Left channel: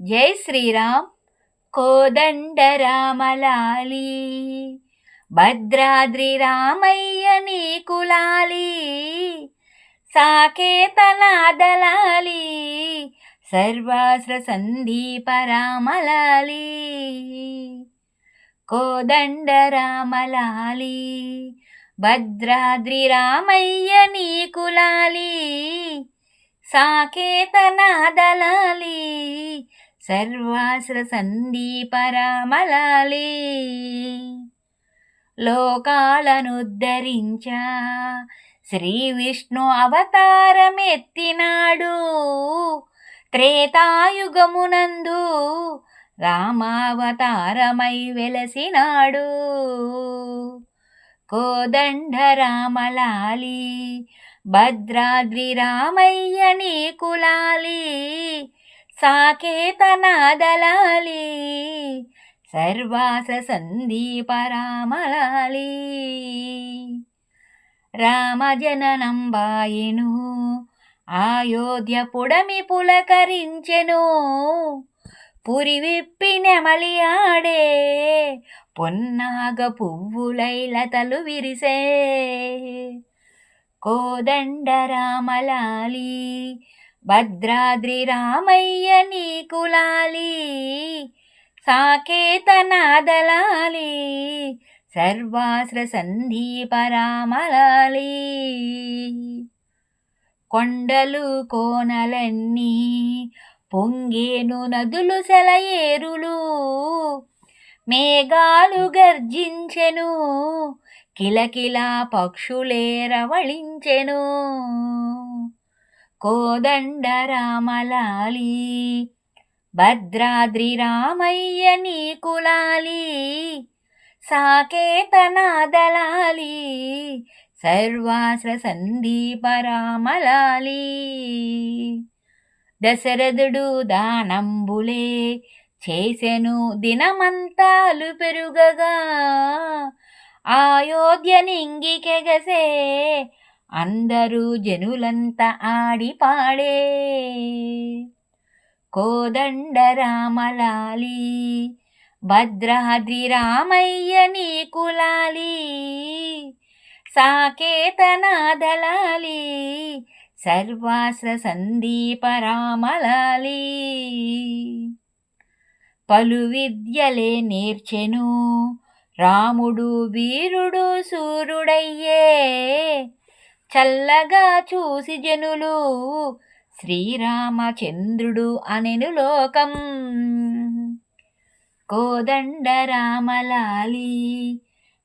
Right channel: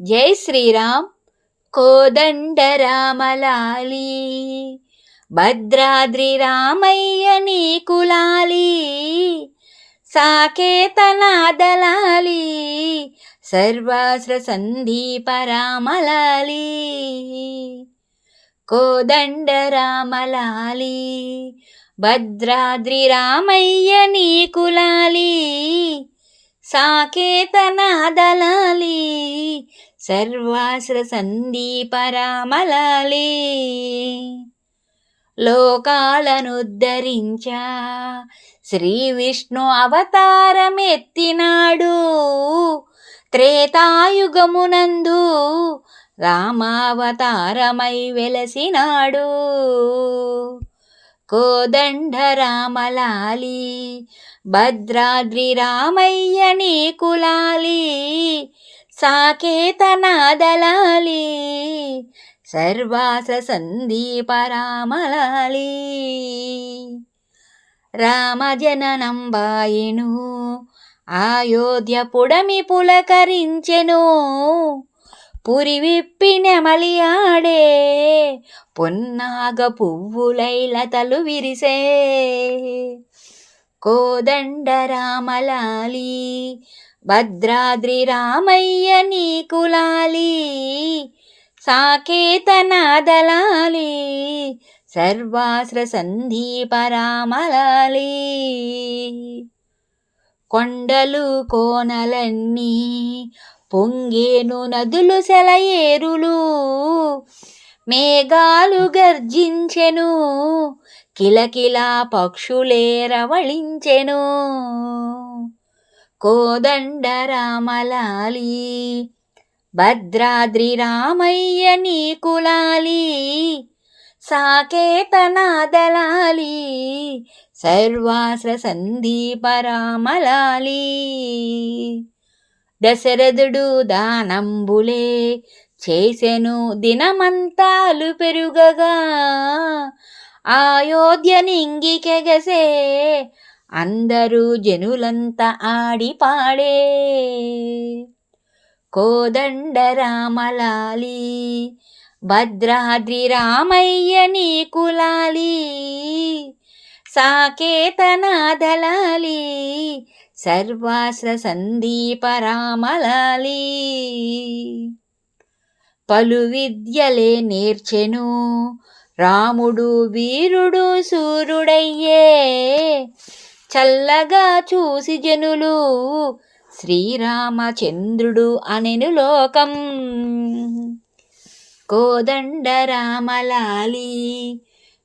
జై శ్రీరామ్. కోదండరామలాలి, భద్రాద్రి రామయ్య నీకులాలి, సాకేతనాదలాలి, సర్వాస్ర సందీప రామలాలి. కోదండరామలాలి, భద్రాద్రి రామయ్య నీకులాలి, సాకేతనాదలాలి, సర్వాస్ర సందీప రామలాలి. లోకాలనుద్ధరించా శ్రీ విష్ణు అవతారమెత్తినాడు, త్రేతాయుగమునందు రామావతారమై వెలసినాడు. కోదండరామలాలి, భద్రాద్రి రామయ్య నీకులాలి, సాకేతనాదలాలి, సర్వాస సందీప రామలాలి. రామజననం బాయెను, అయోధ్య పుడమి పులకరించెను, పురి విప్పి నెమలియాడే, పొన్నాగ పువ్వులై లతలు విరిసే. కోదండరామలాలి, భద్రాద్రి రామయ్య నీకులాలి, సాకేతనాదలాలి, సర్వాస్ర సందీప రామలాలి. కొండలు కోనలన్నీ పొంగేను నదులు సెలయేరులు, మేఘాలు గర్జించెను, కిలకిలా పక్షులే రవళించెను. కోదండరామలాలి, భద్రాద్రి రామయ్య నీకులాలి, సాకేతనాదలాలి, సర్వాస్ర సందీప రామలాలి. దశరథుడు దానంబులే చేసెను దినమంతాలు పెరుగగా, అయోధ్య నింగికెగసే, అందరూ జనులంతా ఆడి పాడే. కోదండరామలాలి, భద్రాద్రి రామయ్య నీకులాలి, సాకేతనాదలాలి, సర్వాస్ర సందీప రామలాలి. పలు విద్యలే నేర్చెను రాముడు, వీరుడు సూర్యుడయ్యే, చల్లగా చూసి జనులు శ్రీరామచంద్రుడు అనెను లోకం. కోదండరామలాలి,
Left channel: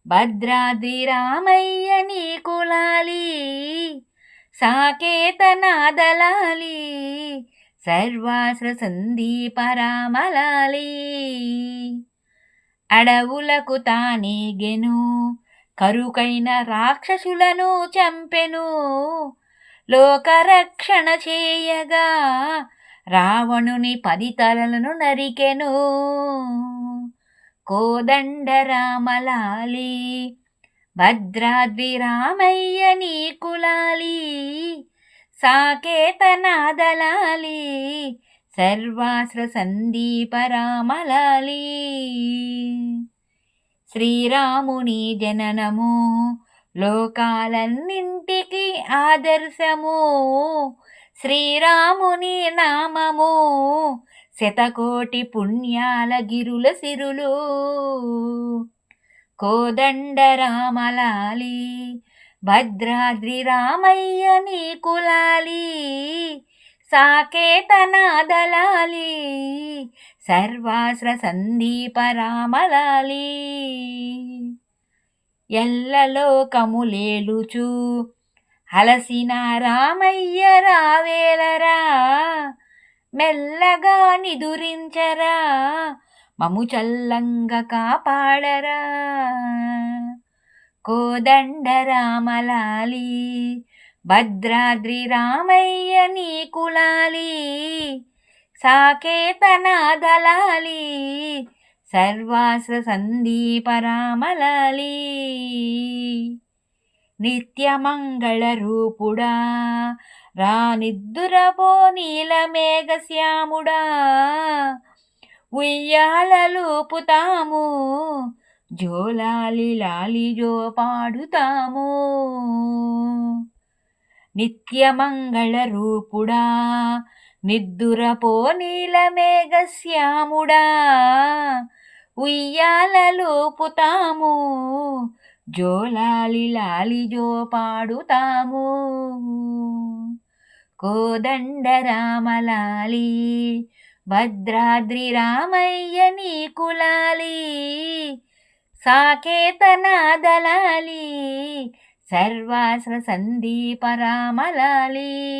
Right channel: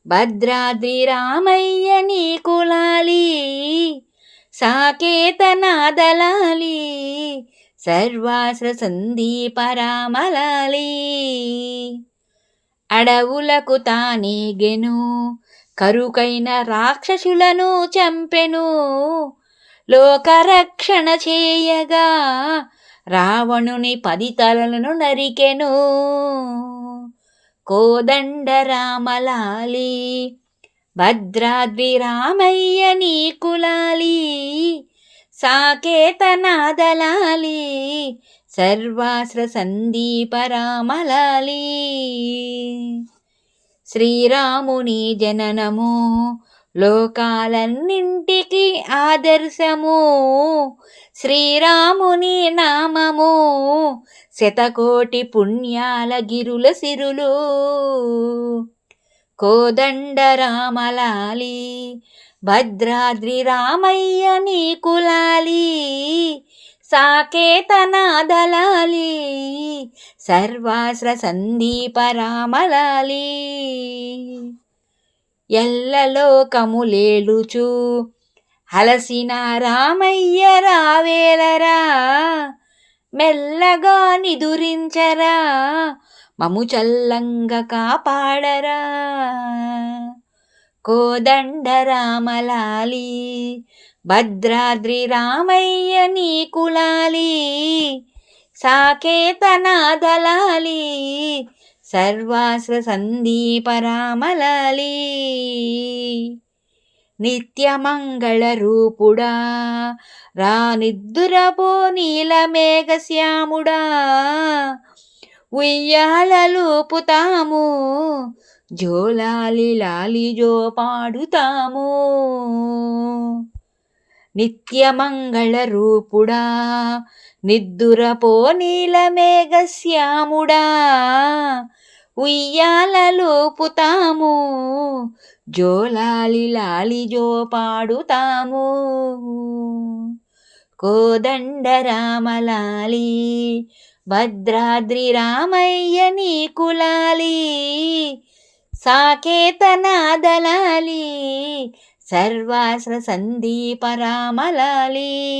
భద్రాద్రి రామయ్య నీకులాలి, సాకేతనాదలాలి, సర్వాస్ర సందీప రామలాలి. అడవులకు తానేగెను, కరుకైన రాక్షసులను చంపెను, లోకరక్షణ చేయగా రావణుని 10 తలలను నరికెను. కోదండరామలాలి, భద్రాద్రి రామయ్య నీకులాలి, సాకేతనాదలాలి, సర్వాస్ర సందీప రామలాలి. శ్రీరాముని జననము లోకాలన్నింటికి ఆదర్శము, శ్రీరాముని నామము శతకోటి పుణ్యాల గిరుల సిరులు. కోదండరామలాలి, భద్రాద్రి రామయ్య నీకులాలి, సాకేతనాదలాలి, సర్వాస్ర సందీప రామలాలి. ఎల్లలోకములేలుచు అలసిన రామయ్య రావేలరా, మెల్లగా నిదురించరా, మము చల్లంగా కాపాడరా. కోదండరామలాలి, భద్రాద్రి రామయ్య నీకులాలి, సాకేతనాదలాలి, సర్వాస్ర సందీప రామలాలి. నిత్యమంగళ రూపుడా రానిద్దురపో నీలమేఘశ్యాముడా, ఉయ్యాలలూపుతాము, జోలాలి లాలి జో పాడుతాము. నిత్యమంగళ రూపుడా, నిద్దురపో నీలమేఘశ్యాముడా, ఉయ్యాలలూపుతాము, జోలాలి లాలి జో పాడుతాము. కోదండ రామలాలి, భద్రాద్రి రామయ్య నీకులాలి, సాకేతనాదలాలి, సర్వాస్ర సందీప రామలాలి.